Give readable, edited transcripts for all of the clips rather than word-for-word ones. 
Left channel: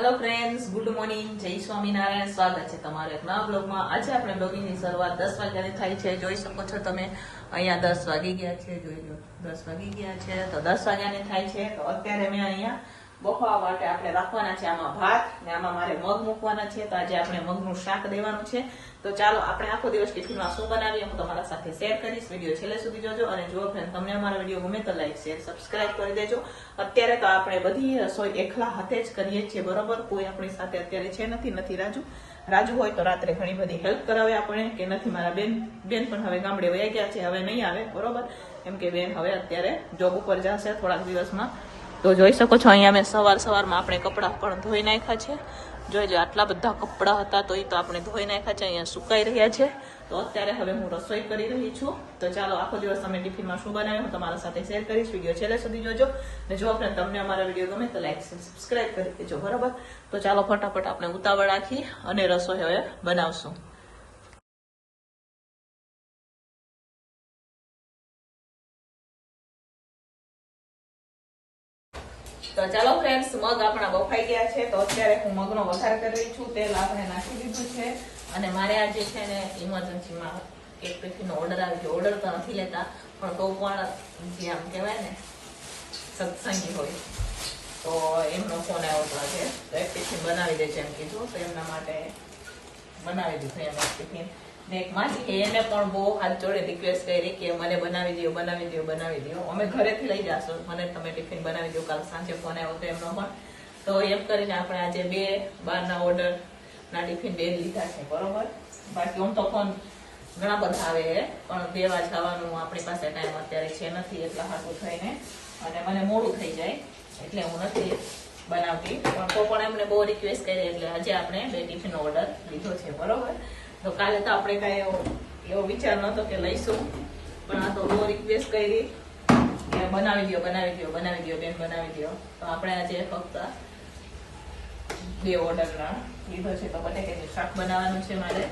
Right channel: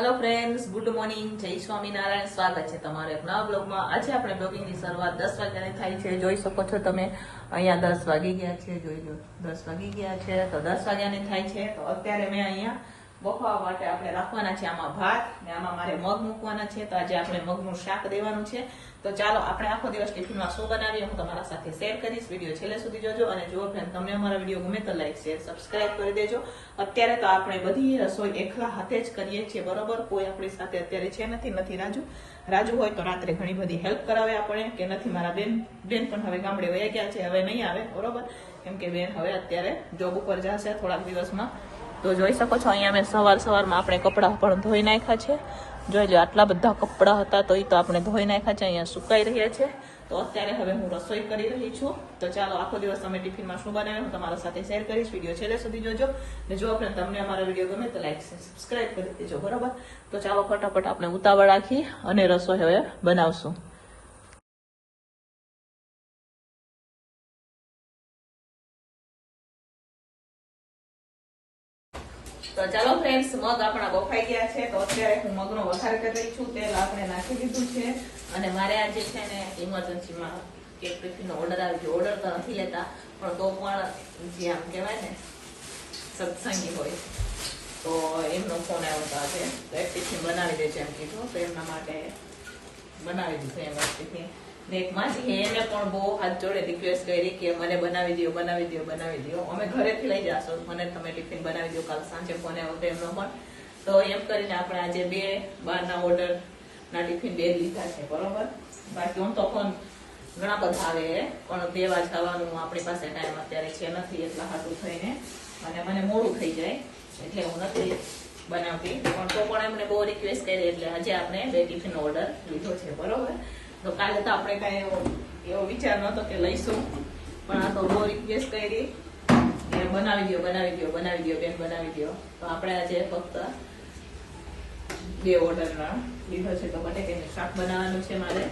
Hello friends, good morning, જય સ્વામિનારાયણ. સ્વાગત છે તમારો એક નવા બ્લોગમાં. આજે આપણે બ્લોગિંગની શરૂઆત 10 વાગ્યાની થાય છે. જોઈ શકો છો તમે અહીંયા 10 વાગી ગયા છે. જોઈ લો 10 વાગી ગયા છે તો 10 વાગ્યાની થાય છે. તો અત્યારે મેં અહીંયા બફાવા માટે આપણે રાખવાના છે આમાં ભાત ને આમાં મારે મગ મૂકવાના છે. તો આજે આપણે મગનું શાક દેવાનું છે. તો ચાલો આપણે આખો દિવસ ટિફિનમાં શું બનાવીએ હું તમારા સાથે શેર કરીશ. વિડીયો છેલ્લે સુધી જોજો અને જો ફ્રેન્ડ તમને અમારો વિડીયો ગમે તો લાઈક શેર સબસ્ક્રાઇબ કરી દેજો. અત્યારે તો આપણે બધી રસોઈ એકલા હાથે જ કરીએ છીએ, બરોબર. કોઈ આપણી સાથે અત્યારે છે નથી રાજુ હોય તો રાત્રે ઘણી બધી હેલ્પ કરાવે આપણે, કે નથી મારા બેન પણ હવે ગામડે વયા ગયા છે, હવે નહીં આવે, બરોબર. કેમ કે બેન હવે અત્યારે જોબ ઉપર જશે થોડાક દિવસમાં. તો જોઈ શકો છો અહીંયા મેં સવારમાં આપણે કપડાં પણ ધોઈ નાખ્યા છે. જોઈ લો આટલા બધા કપડાં હતા તો એ તો આપણે ધોઈ નાખ્યા છે, અહીંયા સુકાઈ રહ્યા છે. તો અત્યારે હવે હું રસોઈ કરી રહી છું. તો ચાલો આખો દિવસ તમે ટિફિનમાં શું બનાવ્યું હું તમારા સાથે શેર કરીશ. વિડીયો છેલ્લે સુધી જોજો ને જો આપણે તમને અમારા વિડીયો ગમે તો લાઈક સબસ્ક્રાઇબ કરી દેજો, બરાબર. તો ચાલો ફટાફટ આપણે ઉતાવળ રાખી અને રસોઈ હવે બનાવશું. તો ચાલો ફ્રેન્ડ્સ, મગ આપણા બફાઈ ગયા છે. તો અત્યારે હું મગનો વઘાર કરી રહી છું. તેલ આપણે નાખી દીધું છે અને મારે આજે છે ને ઇમરજન્સીમાં એક ટિફિનનો ઓર્ડર આવી ગયો. ઓર્ડર તો નથી લેતા પણ તો પણ જે આમ કહેવાય ને સત્સંગી હોય તો એમનો ફોન આવ્યો હતો આજે. તો એક ટિફિન બનાવી દેજો એમ કીધું, તો એમના માટે બનાવી દીધું એમ એક ટિફિન. ને એક માસી એને પણ બહુ હાથ જોડે રિક્વેસ્ટ કરી કે મને બનાવી દો. અમે ઘરેથી લઈ જાશું, મને તમે ટિફિન બનાવી દો. કાલ સાંજે ફોન આવ્યો હતો એમનો પણ. તો એમ કરીને આપણે આજે 2 બહારના ઓર્ડર ના ટિફિન 2 લીધા છે, બરોબર. બાકી આમ તો ફોન ઘણા બધા આવે પણ દેવા જવાનું આપણી પાસે ટાઈમ અત્યારે છે નથી, એટલા હાટું થઈને અને મને મોડું થઈ જાય એટલે હું નથી બનાવતી. પણ તો પણ એમને બહુ રિક્વેસ્ટ કરી એટલે આજે આપણે 2 ટિફિનનો ઓર્ડર લીધો છે, બરોબર. તો કાલે તો આપણે કઈ એવો વિચાર નતો કે લઈશું, પણ આ તો બહુ રિક્વેસ્ટ કરી કે બનાવી દો બેન, બનાવી દો. તો આપણે આજે ફક્ત 2 ઓર્ડર લીધો છે. તો બટેકાનું શાક બનાવવાનું છે મારે.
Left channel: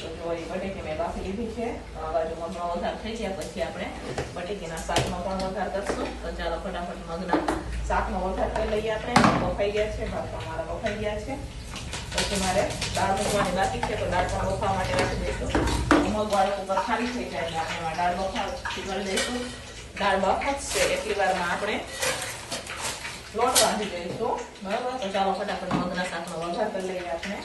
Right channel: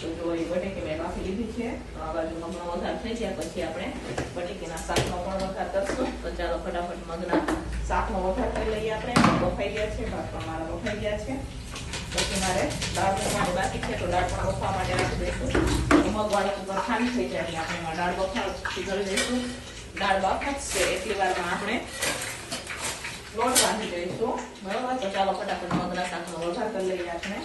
તો જો એ બટેકી મેં બાફી લીધી છે. આ બાજુ મગનો વઘાર થઈ ગયા પછી આપણે બટેકીના શાકનો પણ વઘાર કરશું. તો ચાલો ફટાફટ મગના શાકનો વઘાર કરી લઈએ. આપણે બફાઈ ગયા છે, ભાત પણ મારા બફાઈ ગયા છે. પછી મારે દાળ મૂકવાની બાકી છે, તો દાળ પણ બફવા માટે રાખી દઈશું. મગ વાળા ઉપર ખાલી થઈ જાય એટલે આપણે એમાં દાળ બફાવી કરી દઈશું. દાળ બફાશે એટલી વારમાં આપણે લોટ બાંધી દઈશું, બરાબર. તો ચાલો ફટાફટ મગના શાકનો વઘાર કરી લઈએ આપણે.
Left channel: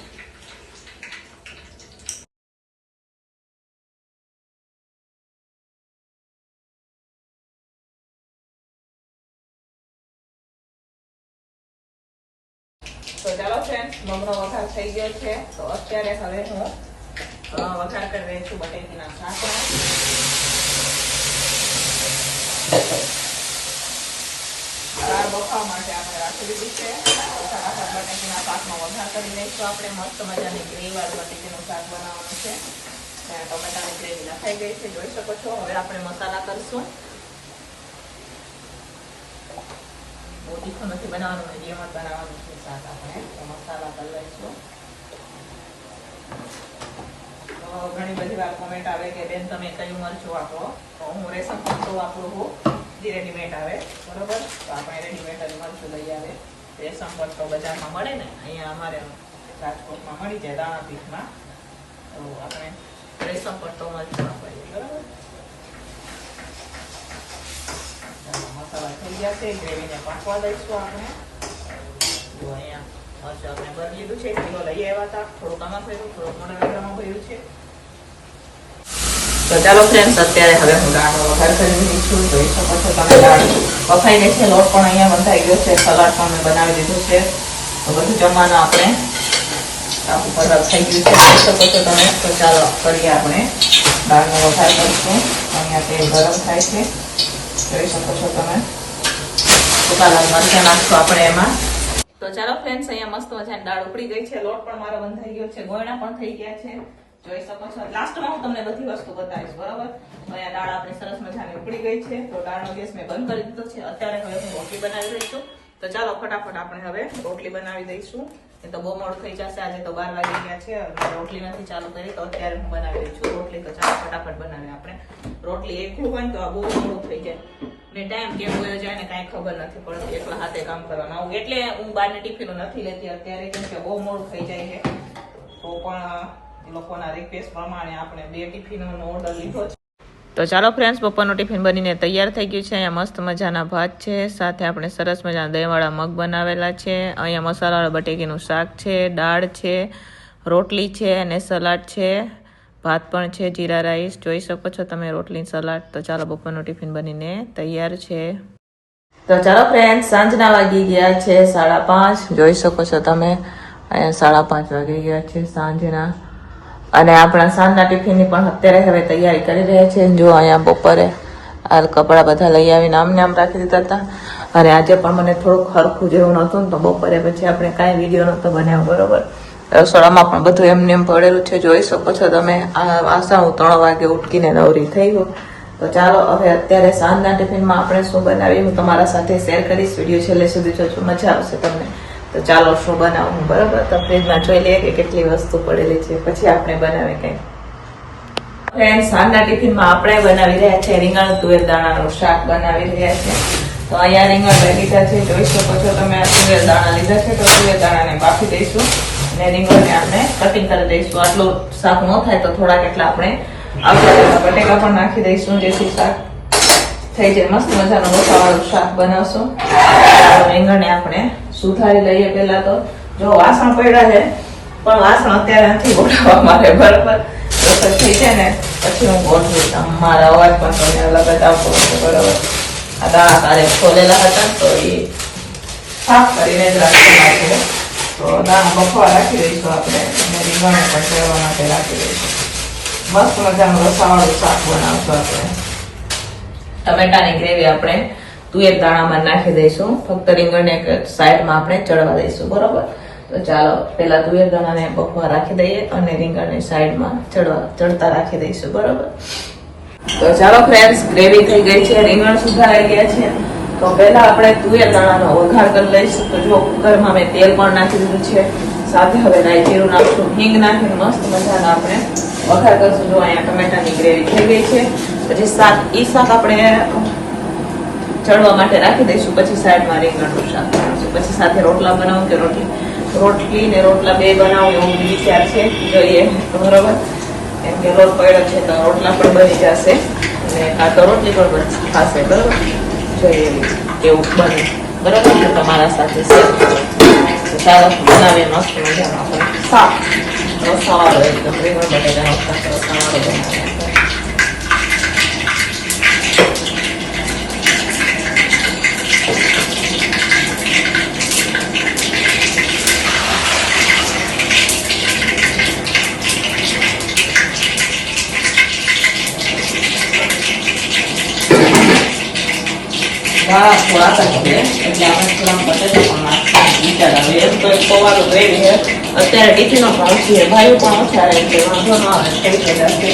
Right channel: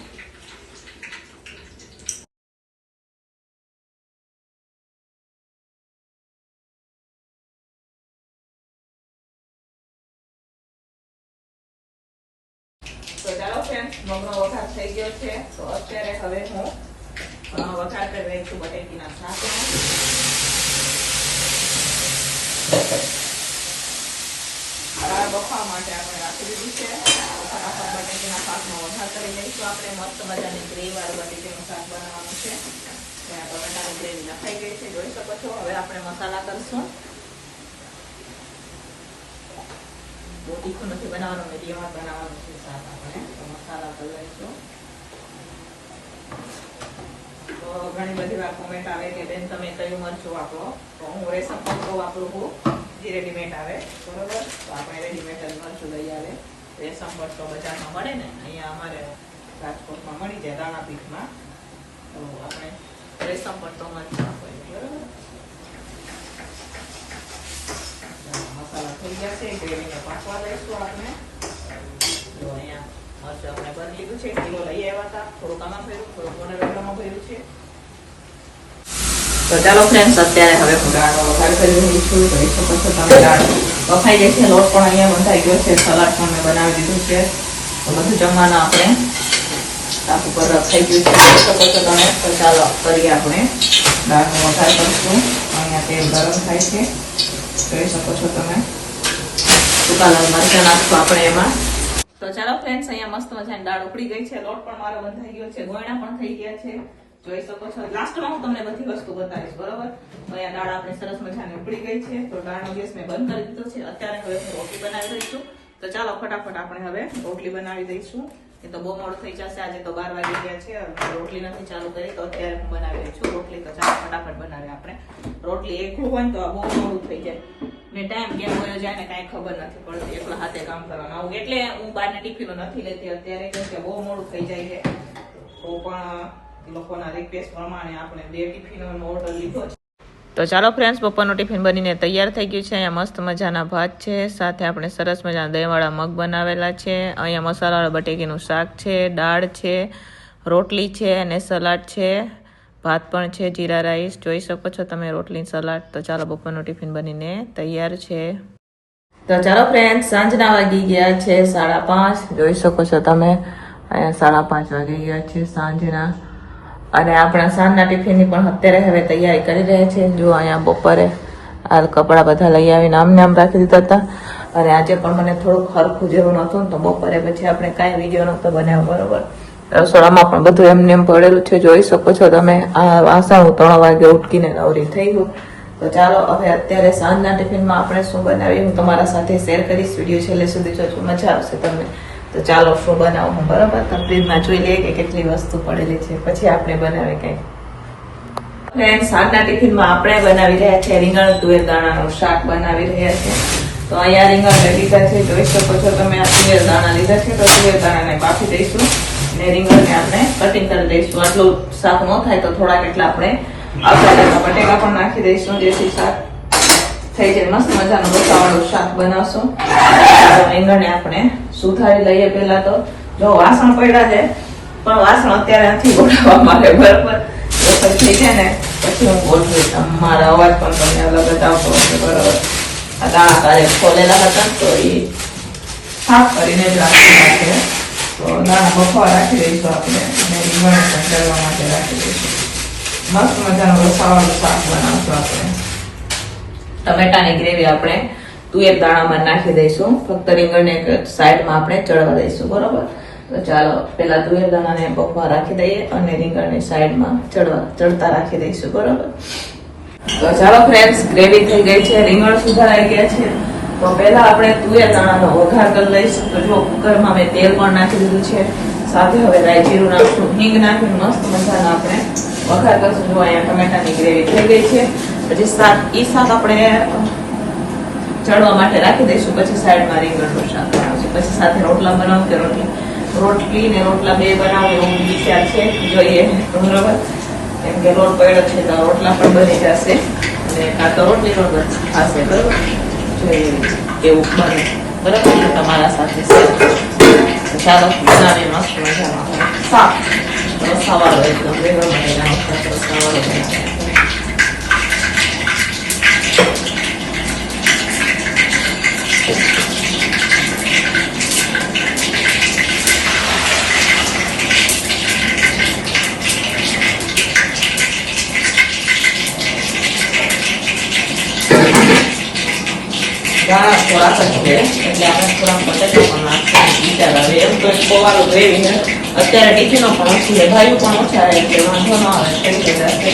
તો ચાલો ફ્રેન્ડ, મગનો વઘાર થઈ ગયો છે. તો અત્યારે હવે હું વઘાર કરી રહી છું બટેકીના શાકનો. દાળ બફાવા માટે આપણે રાખી દીધું છે. બટેકીના શાકનો વઘાર કરી દઈશું આપણે. મસ્ત મજાની ગ્રેવી વાળું બટેકીનું શાક બનાવવાનું છે. ત્યાં બટાટાની ગ્રેવી નખાઈ ગઈ છે, જોઈ શકો છો. હવે આપણે મસાલા કરશું. બહુ તીખું નથી બનાવવાનું, મીડિયમ બનાવવાનું છે શાક આપણે. મસાલા કરી લઈશું. તો ઘણી બધી વાર કોમેન્ટ આવે કે બેન તમે કયું મરચું વાપરો, તો હું રેશમ મરચું વાપરું છું, જે રેડીમેડ આવે, બરોબર. તો આપણે રેડીમેડ મરચું લઈ આવે. રેશમ મરચું બજારમાં મળે ને, અહીંયા અમારે રાજકોટમાં મળી જાય દાણાપીઠમાં. તો આપણે રેશમ મરચું વાપરીએ, બરોબર. મસાલા થઈ ગયા છે, ગ્રેવીને પાકવા દઈશું આપણે. તો અહીંયા મરચું આપણે ભરી લીધું છે, કિલો લઈ આવ્યા હતા. થોડુંક આમાં ભર્યું, થોડુંક મોટા વેગડામાં ભર્યું છે. તો ચાલો ફ્રેન્ડ્સ, અત્યારે હવે હું દાળનો વઘાર કરી રહી છું. જોઈ શકો છો તમે દાળ બફાઈ ગઈ છે, લોટ પણ અહીંયા બંધાઈ ગયો છે, સલાડ પણ મેં બનાવી દીધું છે. તો બધું જમવાનું આપણે તાપ ઉપર થઈ ગયું છે, જોઈ શકો છો તમે. તો ચાલો કરીએ આપણે દાળનો વઘાર કરીશું. અહીંયા તેલ ગરમ થાય છે, જોઈ શકો છો તમે. સુકાલા મરચાં નાખશું આપણે એમાં. તો ચાલો ફ્રેન્ડ્સ, અહીંયા મસ્ત મજાની દાળ ઉકળી ગઈ છે, લોટ પણ મારો બંધાઈ ગયો છે, ગોયણા પણ થઈ ગયા છે, જોઈ શકો છો. લાસ્ટમાં હું તમને બધી વસ્તુ બતાવીશ, બરોબર. અહીંયા દાળ આપણે સરસ મજાની ઉકળી ગઈ છે. તો દાળનો ગેસ મેં બંધ કરી દીધો છે. અત્યારે હવે હું રોટલી બનાવી રહી છું. તો ચાલો ફટાફટ આપણે હવે રોટલી બનાવી દઈશું. એ તો બહુ મોડું થઈ જશે, આજે તો 12 વાગી ગયા છે. રોટલી નથી ચાલુ કરી, તો અત્યારે હું બનાવી રહી છું રોટલી. તો ચાલો ફટાફટ બનાવીએ આપણે રોટલી. એકલું હોય તો આ બહુ મોડું થઈ જાય. ને ટાઈમ કેમ વયો જાય ને કાંઈ ખબર નથી પડતી, એટલા હાથે કામ કરવાનું આવું. એટલે હું બહારની ટિફિનો નથી લેતી અત્યારે, કેમ કે બહુ મોડું થઈ જાય છે. તો પણ લોકોના રિક્વેસ્ટ પ્રમાણે આપણે 2 ટિફિનોનો ઓર્ડર લીધો છે. તો ચાલો ફ્રેન્ડ્સ, બપોરનું ટિફિન બનીને તૈયાર થઈ ગયું છે. અહીંયા મસ્ત મજાના ભાત છે, સાથે આપણે સરસ મજાના દહીંવાળા મગ બનાવેલા છે. અહીંયા મસાલાવાળા બટેકીનું શાક છે, દાળ છે, રોટલી છે અને સલાડ છે. ભાત પણ છે, જીરા રાઈસ જોઈ શકો છો તમે, રોટલી સલાડ. તો ચાલો બપોરનું ટિફિન બનીને તૈયાર છે. તો ચાલો ફ્રેન્ડ, સાંજના વાગી ગયા છે 5:30. જોઈ શકો છો તમે, અહીંયા 5:30 વાગી ગયા છે સાંજના. અને આપણા સાંજના ટિફિનની પણ અત્યારે હવે તૈયારી કરી રહ્યા છીએ. જો અહીંયા બપોરે આ કપડા બધા લઈ આવીને આમ રાખી દીધા હતા. અને આજે પણ મને થોડુંક હરખું જેવું નહોતું ને, તો બપોરે પછી આપણે કાંઈ વિડીયો નહોતો બનાવ્યો, બરોબર. રસોડામાં પણ બધું એમને પડેલું છે, જોઈ શકો છો તમે. આ વાસણ હું 3 વાગે ઉઠકીને નવરી થઈ ગયું. તો ચાલો હવે અત્યારે સાંજના ટિફિનમાં આપણે શું બનાવીએ હું તમારા સાથે શેર કરીશ. વિડીયો છેલ્લે સુધી જોજો, મજા આવશે તમને. તો ચાલો શું બનાવું બરોબર. તો ફ્રીજમાં જોઈ લઈએ કે કેટલી વસ્તુ પડેલી છે, પછી આપણે બનાવીએ કંઈક. ફ્રેન્ડ, સાંજના ટિફિનમાં આપણે બનાવી રહ્યા છે રીંગણ તુવેર દાણાનું શાક બનાવી રહ્યા છે. તો અહીંયા રીંગણ લઈ લીધા છે, જોઈ શકો છો તમે. આ તુવેર દાણા લીધા છે, તો તુવેર દાણાને બાફી દઈશું અને રીંગણને આપણે કટિંગ કરી દઈશું. આટલું શાક ન થાય તો થોડાક એટલા આપણે આવતા બટેકા પણ નાખી દઈશું, જેથી શાક થઈ જાય. મસ્ત મજાનું રોટાવાળું શાક બનાવશું. રીંગણને આપણે સુધારી લઈએ. પેલા તો જો વાસણ પડ્યા છે, પણ વાસણ અત્યારે નથી ગોઠવવા માટે, બરોબર. રસોઈ થઈ જાય ને પછી હું ગોઠવીશ. મારા અવાજ પણ તમને અલગ જ આવતો હશે, બરોબર. આ દાણા તારે ખોલેલા હતા તો એ સાફ કરીને જ રાખવાના છે. તો દાણા બફવા રાખી દઈશું આપણે, અને રીંગણ પણ ચડવા માટે રાખી દઈશું. મસ્ત મજાનું રસાવાળું શાક બનાવશું આપણે. ટમેટાની ગ્રેવી આપણે તુવેર દાણામાં નાખી દઈશું. ફક્ત રીંગણને સાઈડમાં આપણે ચડવા દઈશું, બરોબર. તો ચાલો પેલા તુવેર દાણાને બફવા રાખી દઈએ અને રીંગણને સાઈડમાં ચડતા રાખી દઈશું, બરોબર. તો ચાલો ફ્રેન્ડ્સ, ગ્રેવી થઈ ગઈ છે, રીંગણ સુધારાઈ ગયા છે. તો પહેલા આપણે તુવેર દાણાનો વઘાર કરી લઈશું. તો જો કુકરમાં મેં તેલ પણ નાખી દીધું છે, સાથે હવે રાઈ જીરું નાખશું, હિંગ નાખીને મસ્ત મજાનો આપણે વઘાર કરશું. જો અહીંયા ટમેટાની ગ્રેવી થઈ ગઈ છે. પછી શાક આપણે ચડવા માટે રાખી દઈશું. પછી સાઈડમાં રીંગણનું શાક બનાવશું. પછી સાથે રોટલા બનાવું કે રોટલી ને રોટલા 2 બનાવું એવું વિચાર છે, જોઈએ તો બરોબર. કેમ કે લોટ પડ્યો છે તો રોટલા પણ બની જશે અને કાં તો રોટલી પણ થશે, બરોબર. જોઈએ એવું બને, બરોબર. તો તમારા સાથે શેર ચાલો બનાવીએ મસ્ત મજાનો શાક. રસાવાળો એકદમ રીંગણ બટેકાનો શાક રસાવાળો બનાવીએ. થોડા છે એટલે આપણે થોડા બટેટા પણ નાખવાનું વિચાર આવે. એમ તો પૌવાનું ગ્રેવી છે, અત્યારે ટિફિનો પણ ઓછી છે, ભાઈઓ પણ ઓછા રહે એટલે વાંધો ના આવે, થઈ ગયા છે.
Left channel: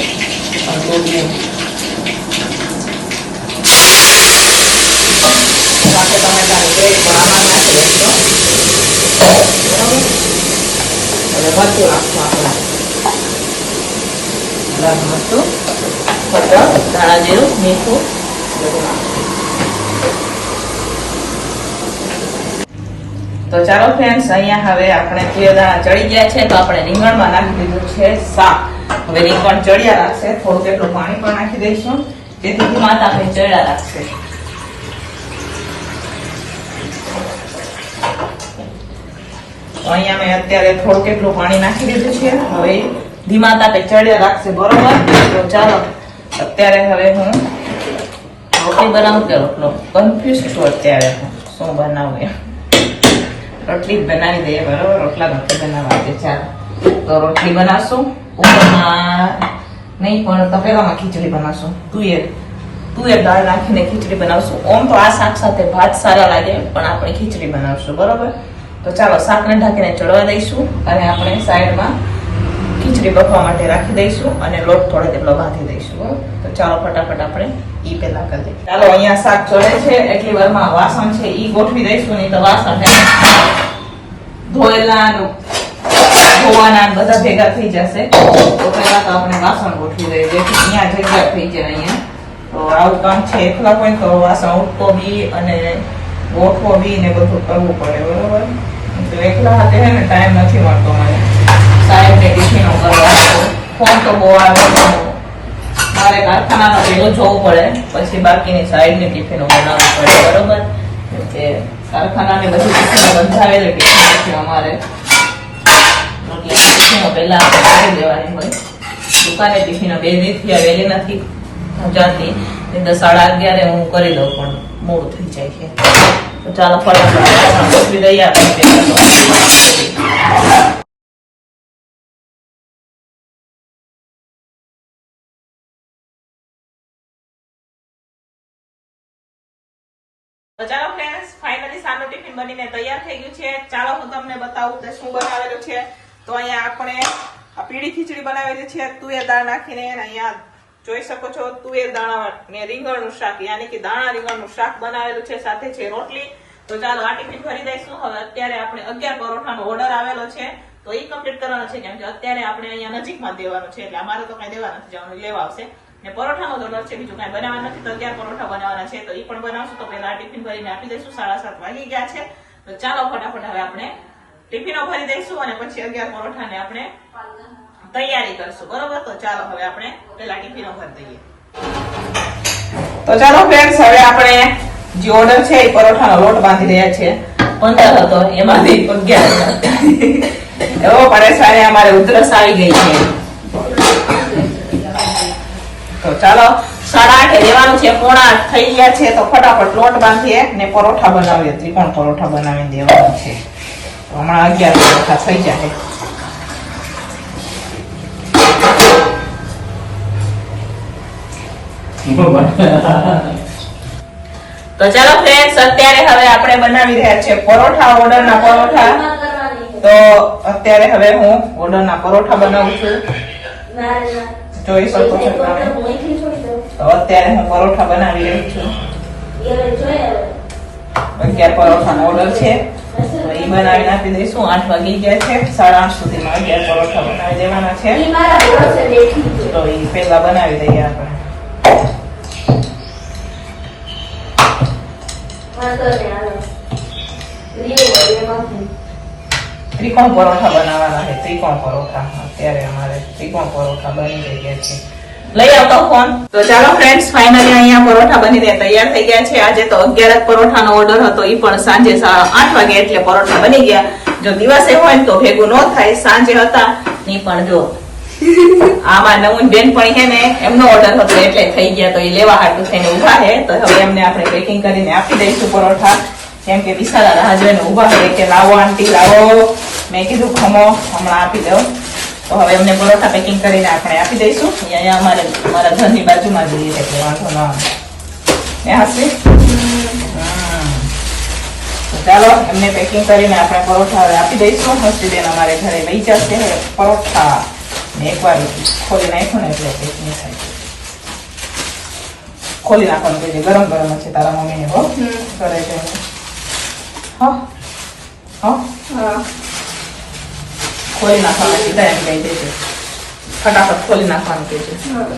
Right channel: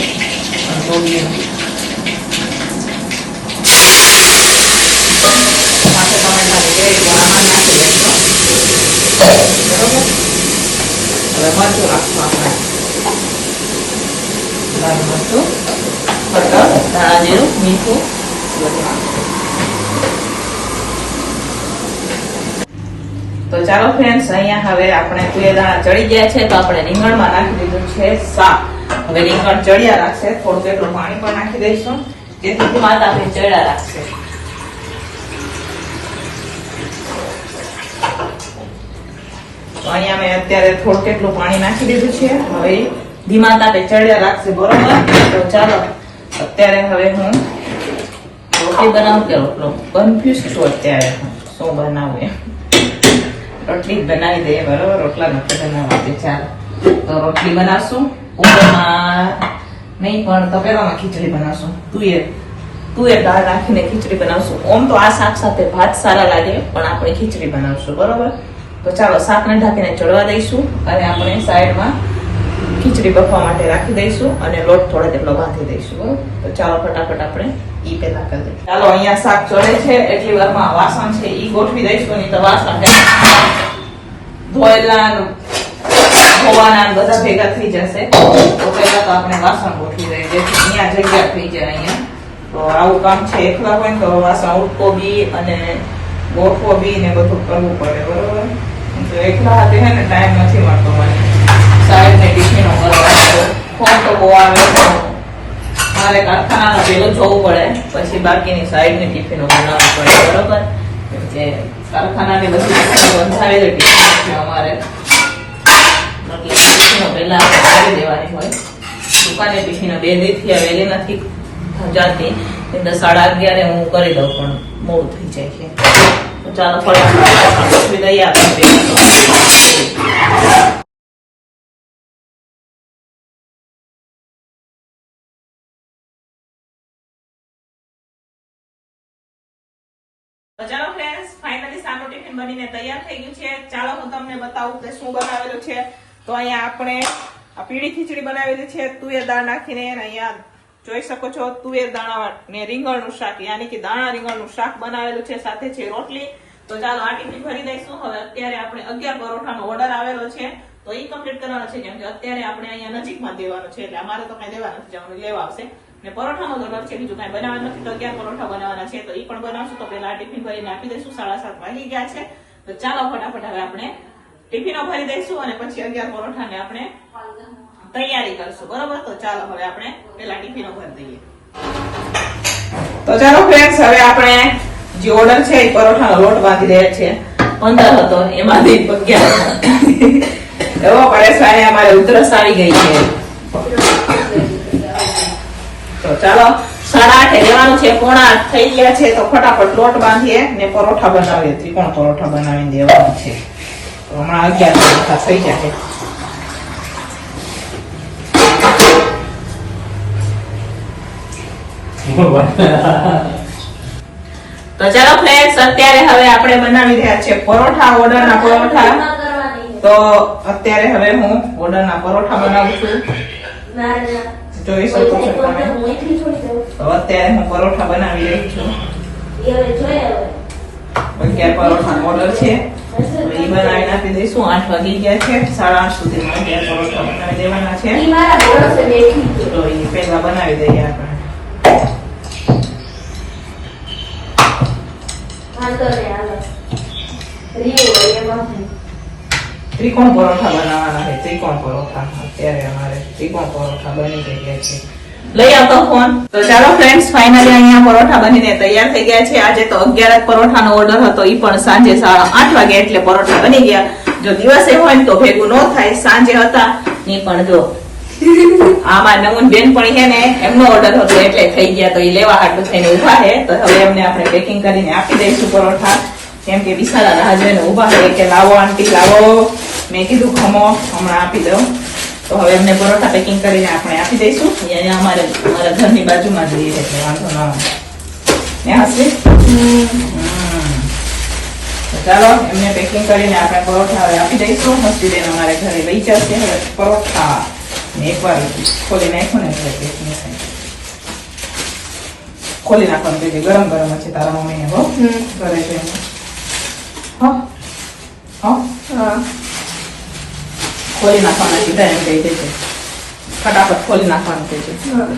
સાથે ટમેટાની ગ્રેવી આમાં નાખી દઈશું, બરોબર. હવે મરચું નાખશું આપણે, લાલ મરચું, હળદર, ધાણા જીરું, મીઠું બધું નાખશું. તો ચાલો ફ્રેન્ડ્સ, અહીંયા હવે આપણે તુવેર દાણા ચડી ગયા છે, તો આપણે રીંગણમાં નાખી દીધું છે શાક. હવે રીંગણ ચડ્યા રાખશે, થોડું એટલું પાણી પણ નાખી દઈશું, જેથી ધીમા તાપે ચડ્યા રાખશે. તો અહીંયા મેં અત્યારે થોડું એટલું પાણી નાખી દીધું છે. હવે ધીમા તાપે ચડ્યા રાખશે, બરોબર. તો ચાલો અત્યારે હવે હું રોટલી બનાવું કે રોટલો, કન્ફ્યુઝ છું અત્યારે શું બનાવું એમ. રોટલી બનાવી દઈએ, બરોબર. રોટલા નથી બનાવવા દે. ચાલો તો રોટલી બનાવશું. ઉપરમાં નહીં પણ તપેલામાં ખીચડી બનાવશું. તુવેર દાળ નાખીને ખીચડી બનાવશું. ઓમ તો આ શાક સાથે ભાત સારા લાગે, પણ આપણે ખીચડી બનાવશું, બરોબર. તો ચાલો શાકને ઢાંકીને ચડવા દઈશું અને આપણે સાઈડમાં ખીચડી બફવા માટે રાખી દઈશું અને લોટ થોડો તેટલો બાંધી દઈશું, બરોબર. તો ચાલો ફટાફટ આપણે ઈ પેલા કરી દઈએ. ચાલો અહીંયા શાક ચડે છે, એટલી વારમાં વાસણ છે ઈ ગોઠવી દઈશું. નહીં તો વાસણ ધોયેલા ધોવાના બધા ભેગા થઈ જશે. તો પહેલા તો આપણે વાસણ ગોઠવી દઈએ, જેથી અહીંયા જગ્યા થઈ જાય. અહીંયા તો આવું કામ છે, એકલા હોય ને તો વાસણ ઉટકો બી અને ગોઠવો બી ને બધું કરવું પડે, બરોબર. તો એકલા હાથે હે ને ટાઈમ નથી મળતો મને સાહેબ ને ટિફિનો કરવા. ફોન તો બહુ આવે તો મારે કારખાનાનું પેલું જોવું પડે, પછી બાકીની સાઈડ ની ટિફિનો બનાવવી પડે, બરોબર. કેમ કે કારખાનાની બધી બંધાવેલી ટિફિનો છે અમારે, એટલે ટિફિનો પહેલા કરી દેવાની હોય. દુકાને ટિફિનો 2 દિવસથી વહેલી નથી જાતી, એટલે 11:30 હું કરી દઉં, પણ મોડું થઈ જાય છે. તો ચાલો ફટાફટ ગોઠવી દઈએ આપણે. ચાલો ફ્રેન્ડ્સ, ફાઇનલી સાનું ટિફિન બનીને તૈયાર થઈ ગયું છે. ચાલો હું તમને બતાવું કે શું બનાવેલું છે. તો અહીંયા આપણે આ પીળી ખીચડી બનાવેલી છે તુવેર દાળ નાખીને, અને અહીંયા જોઈ શકો છો તુવેર દાણા ને રીંગણનું શાક, યાની કે દાણા રીંગણનું શાક બનાવેલું છે, સાથે છે રોટલી. તો ચાલો આ ટિફિન ભરી દઈશું. હવે અત્યારે આપણે 11 પરોઠાનો ઓર્ડર આવેલો છે, તો એ કમ્પ્લીટ કરવાનો છે, કેમ કે અત્યારે આપણે અહીંયા નજીકમાં દેવાનું છે, એટલે અમારે તો કઈ દેવા નથી જવાનું, લેવા આવશે. ને પરોઠાનો ઓર્ડર છે, બીજું કઈ બનાવવાનું નથી. તો 11 પરોઠા બનાવવાના છે, તો એ પણ બનાવશું. તો પેલા ટિફિન ભરીને આપી દઈશું. 7:30 વાગી ગયા છે. તો ચાલો ફટાફટ હવે આપણે ટિફિનો ભરી દઈશું, અને પછી 11 પરોઠાને આપણે તૈયારી કરશું, બરોબર. તો ચાલો હવે આપણે પેલા ટિફિનો ભરી દઈએ. તો ચાલો ફ્રેન્ડ્સ, હવે આપણે જે ઓર્ડર છે એ પરોઠાનો લોટ બાંધી રહ્યા છે. 15 હતો, એમાંથી 11 એવો પરેશાની, અમારે ઉધરસ આવી ગઈ છે. તો ચાલો 8:30 દેવાનું છે, 7:45 થઈ ગયા છે. તો ફટાફટ લોટ બાંધીએ ને પરોઠા બનાવીએ, ત્રિકોણ પરોઠા બનાવીને દેવાના છે. તો હમણાં 11 પરોઠા થઈ જાય. તો ચાલો ફ્રેન્ડ્સ, અત્યારે હવે આપણે બનાવી રહ્યા છે પરોઠા, ઓર્ડરના પરોઠા. તો અત્યારે હવે હું ઓર્ડરના પરોઠા બનાવું છું, જોઈ શકો છો તમે. તો અત્યારે હું પરોઠા બનાવી રહી છું. 11 પરોઠાનો ઓર્ડર છે, તો એ બનાવી આપી દઈશું. 8 વાગી ગયા છે, 8:30 સુધીમાં 11 પરોઠા બનાવી દેવાના છે. તો એ પહેલા બનાવી દઈએ આપણે. ત્રિકોણ પરોઠા બનાવવાના છે, ત્રિકોણ પરોઠા. અત્યારે અમારે ત્રિકોણ પરોઠા બની ગયા છે. લઈ આવતો ફોન. તો ચાલો ફ્રેન્ડ્સ, ફાઇનલી અહીંયા પરોઠા બનીને તૈયાર થઈ ગયા છે. આજે તો 11 પરોઠાનો ઓર્ડર હતો, એ પણ સાંજે 8 વાગે એટલે પરોઠા બની ગયા. જો દિવસે હોય ને તો ભેગું ન થાય, સાંજે હતા ની પણ જો આમાં નવું બેનપણી છે ને, એમનો ઓર્ડર હતો એટલે થઈ ગયા. તો એ લેવા હાટું થઈને ઉભા છે. તો હવે એમને આપણે પેકિંગ કરીને આપી દઈશું પરોઠા, કેમ કે બિસારા રાહ જોઈને ઉભા છે કે લાવો આંટી લાવો. મેં કીધું ખમો, હમણાં આપી દઉં. તો હવે એમને પરોઠા પેકિંગ કરીને આપણે આપી દઈશું. અહીંયા અમારા ઘરની બાજુમાં જ રહે છે, વાંધો ના આવે. ચાલો એમને પેકિંગ કરીને આપણે પરોઠા હવે આપી દઈશું. મસ્તી બેન અમારે ઘરે વેચ્યા છે પરોઠા. એકવાર ખોલી નાખ્યું ને એટલે પેકિંગ થાય. ખોલી નાખવાનું કહેજે, ગરમ ગરમ છે તારા મમ્મીને. હો કરે છે. હા ખોલી નાખવાનું સીધા એમ કહી દેજે, ફટાફટ ખોલી નાખવાનું કહેજે.